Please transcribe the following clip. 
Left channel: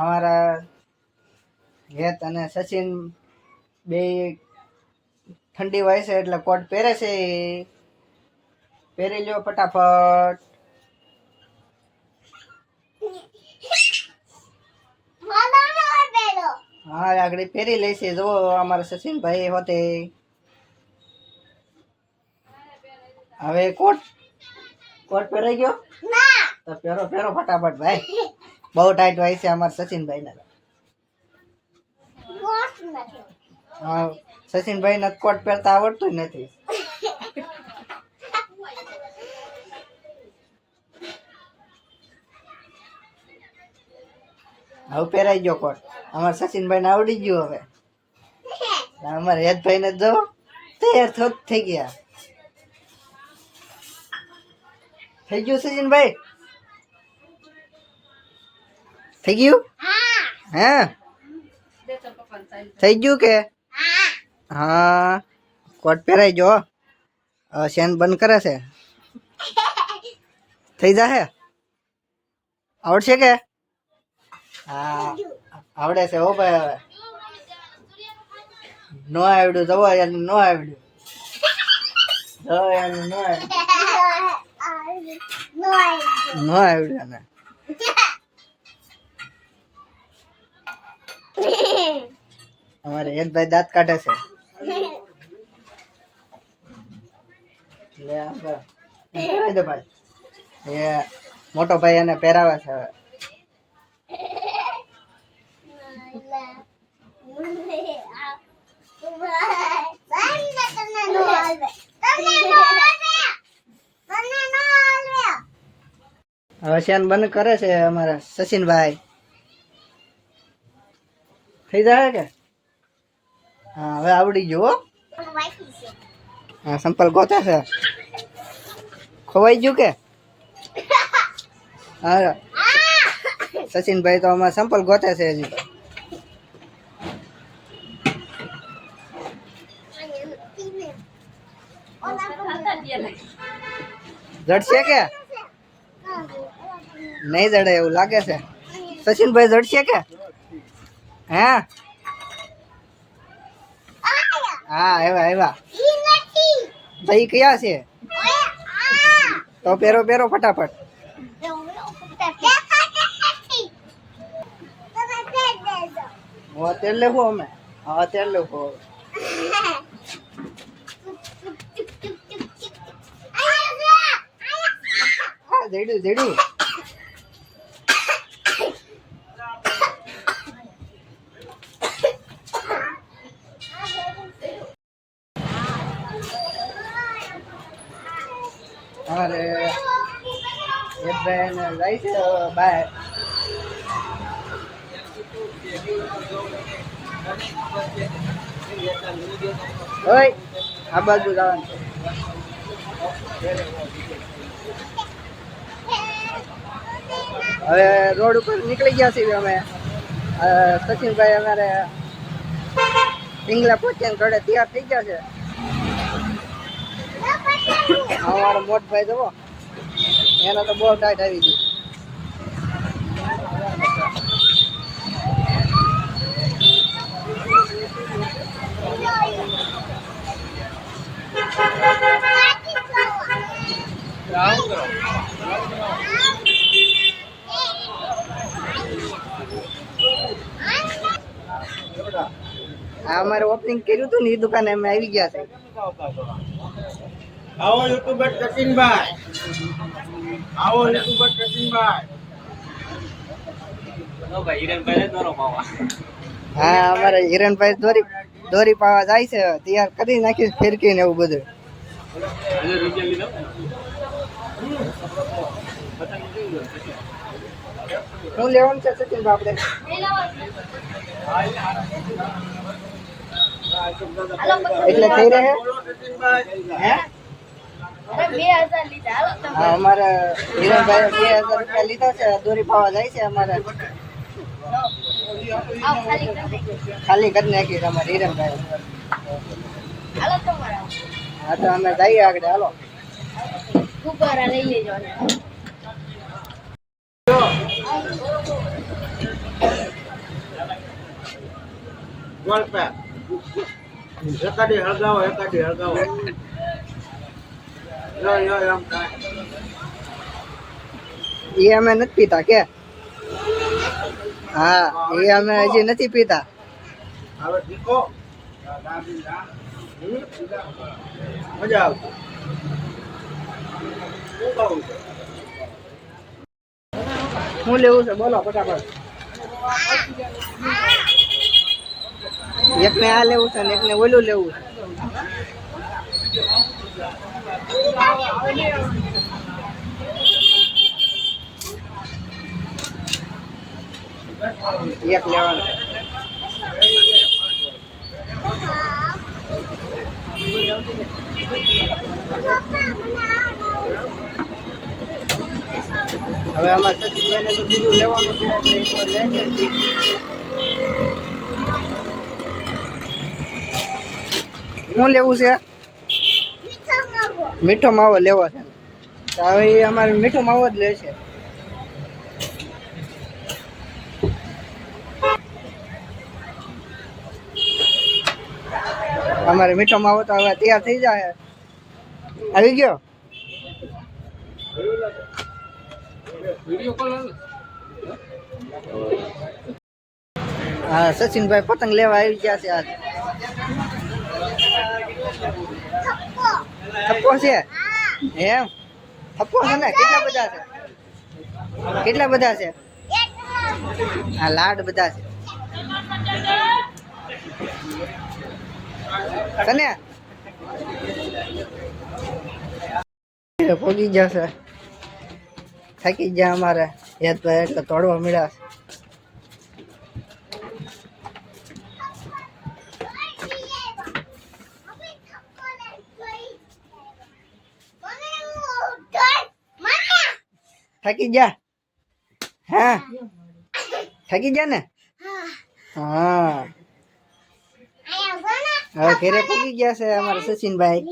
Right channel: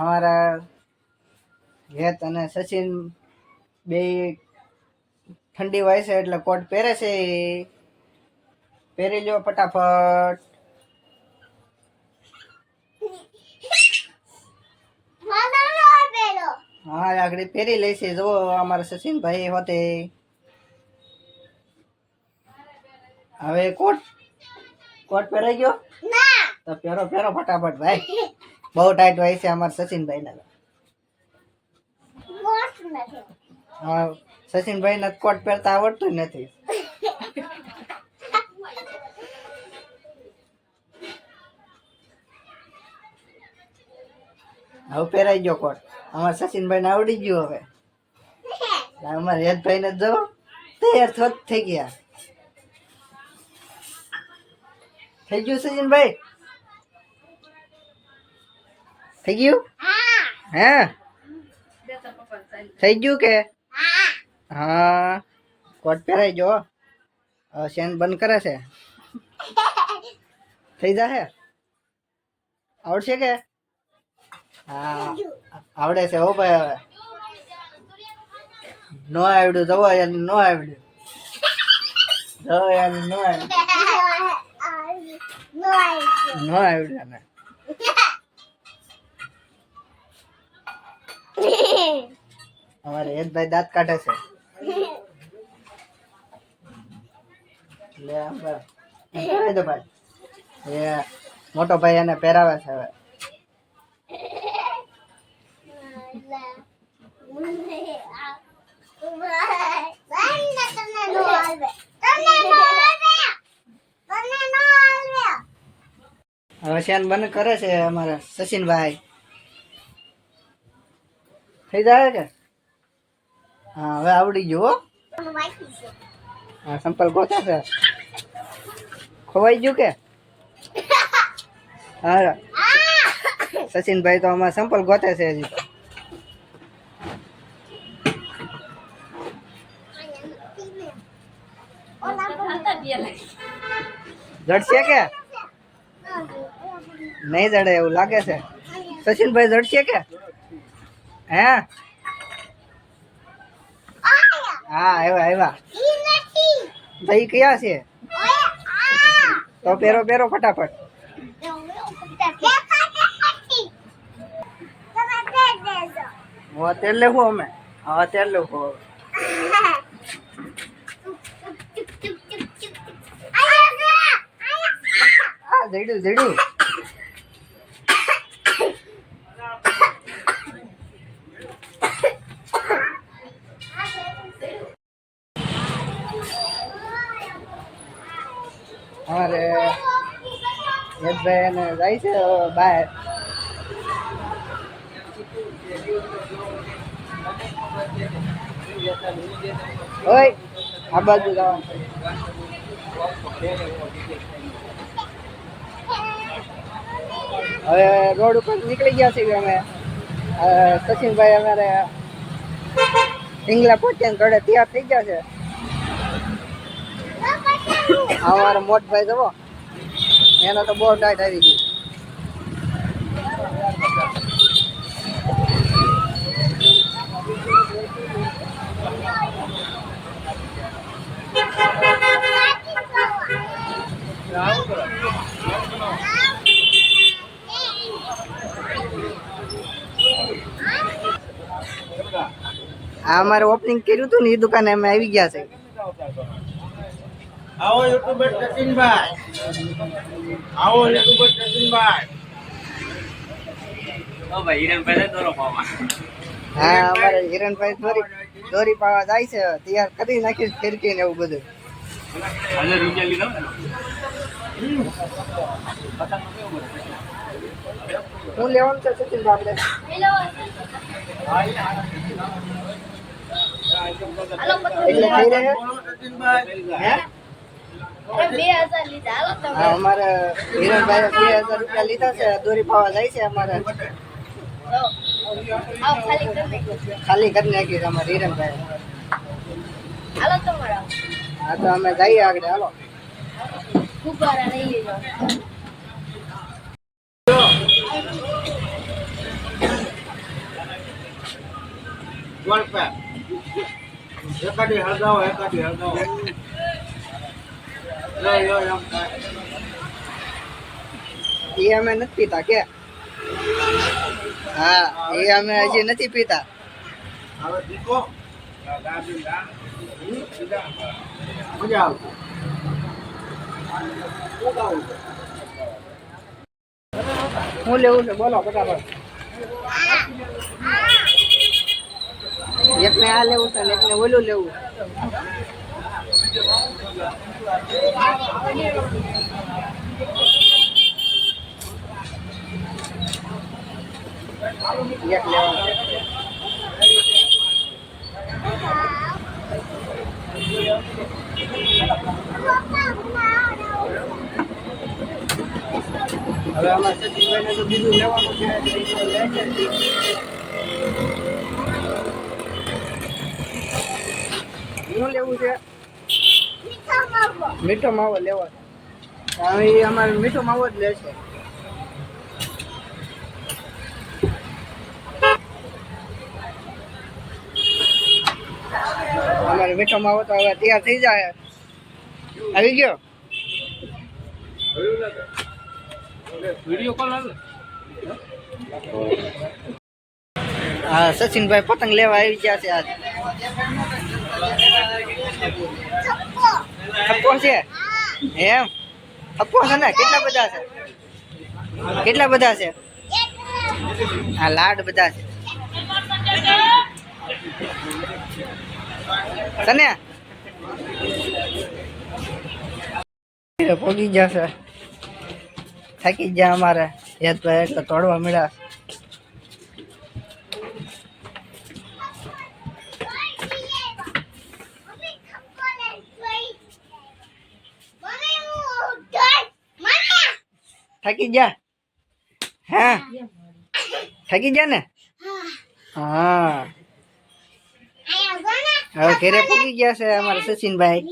અમારા હેત અને સચિન બે ઠંડી હોય છે એટલે કોટ પહેરે છે. પહેરી લો ફટાફટ. હા આગળ પહેરી લઈશે. જો અમારા સચિનભાઈ હોતે હવે કોટ પહેરાઈ ગયો તો પહેરો ફટાફટ ભાઈ. બહુ ટાઈટ હોય છે અમારા સચિનભાઈ ને. હા સચિનભાઈ ને કોટ પહેરતા આવડતું જ નથી. હવે પહેરાઈ ગયો કોટ. અમારા સચિનભાઈ ને આવડી ગયું. હવે અમારા હેતભાઈ ને જો તૈયાર થઈ ગયા. થઈ ગયું સચિનભાઈ? થઈ ગયું? હે થઈ ગયું કે? હા કોટ પહેરાઈ ગયો. હવે શેન બંધ કરે છે. થઈ જશે? આવડશે કે? હા આવડે છે હો ભાઈ. હવે નો આવડ્યું જવો એનું નો આવડ્યું. જો એનું નો આવડ્યું ને. અમારે હેતભાઈ દાંત કાઢે છે. પહેરાવી દો ભાઈ. એ મોટો ભાઈ એને પહેરાવે છે. હવે હવે શેન બંધ કરે છે અમારા સચિનભાઈ. થઈ જાય કે? હા હવે આવડી ગયો. હા સંપલ ગોતે છે. ખોવાઈ ગયું કે? હા સચિનભાઈ તો અમારા સંપલ ગોતે છે હજી તો. જડશે કે નહીં જડે એવું લાગે છે. સચિનભાઈ જડશે કે? હે હા આવ્યા ભાઈ કયા છે? તો પહેરો ફટાફટ. તેલ લેવું અમે. હા તેલ લેવું. જડ્યું. અરે હેતભાઈ એને જાય છે બહાર. ઓય આ બાજુ જવાનું છે. હવે રોડ ઉપર નીકળી ગયા છીએ અમે. સચિનભાઈ અમારે પિંગલા પહોંચ્યા ઘોડે તૈયાર થઈ ગયા છે. અમારા મોટભાઈ જવો એનો તો બહુ ટાઈટ આવી ગઈ. આ અમારે ઓપનિંગ કર્યું હતું ને એ દુકાને અમે આવી ગયા છે. આવો યુટ્યુબર સચિનભાઈ. આવો યુટ્યુબર સચિનભાઈ. હા અમારે હિરણભાઈ દોરી પાવા જાય છે. તૈયાર કરી નાખીશ ફિરકી ને એવું બધું. શું લેવાનું છે સચિનભાઈ આપણે? એટલે થઈ રહે હે? હા અમારે હિરણભાઈ 2000 રૂપિયા લીધા છે. દોરી પાવા જાય છે. અમારે ખાલી કરી નાખી અમારે હિરણભાઈ. હા તો અમે જઈએ આગળ. હાલો બોલતા એકાદી હળગાવો યો એમ કાંઈ એ અમે નથી પીતા કે હા એ અમે હજી નથી પીતા હવે શીખો મજા આવશે શું ખાવું છે શું લેવું છે બોલો ફટાફટ એકને આ લેવું છે ને એકને ઓલું લેવું છે એક લેવાનું હવે આમાં સચિનભાઈને તો બીજું લેવાનું છે એટલે એ તો લે છે જ. શું લેવું છે મીઠો માવો લેવો છે તો હવે એ અમારે મીઠો માવો જ લેશે અમારે મીઠો માવો તો હવે તૈયાર થઈ જાય આવી ગયો હા સચિનભાઈ પતંગ લેવા આવી ગયા છે આજ થપ્પો છે એમ થપ્પો છે ને કેટલા બધા છે હા લાડ બધા છે તને પોગી જશે થાકી ગયા અમારે યાદભાઈ એટલે તોડવા મળ્યા થાકી જા હા થાકી જા ને હા હવે ઘરે પૂકી ગયા છે અમારા સચિનભાઈ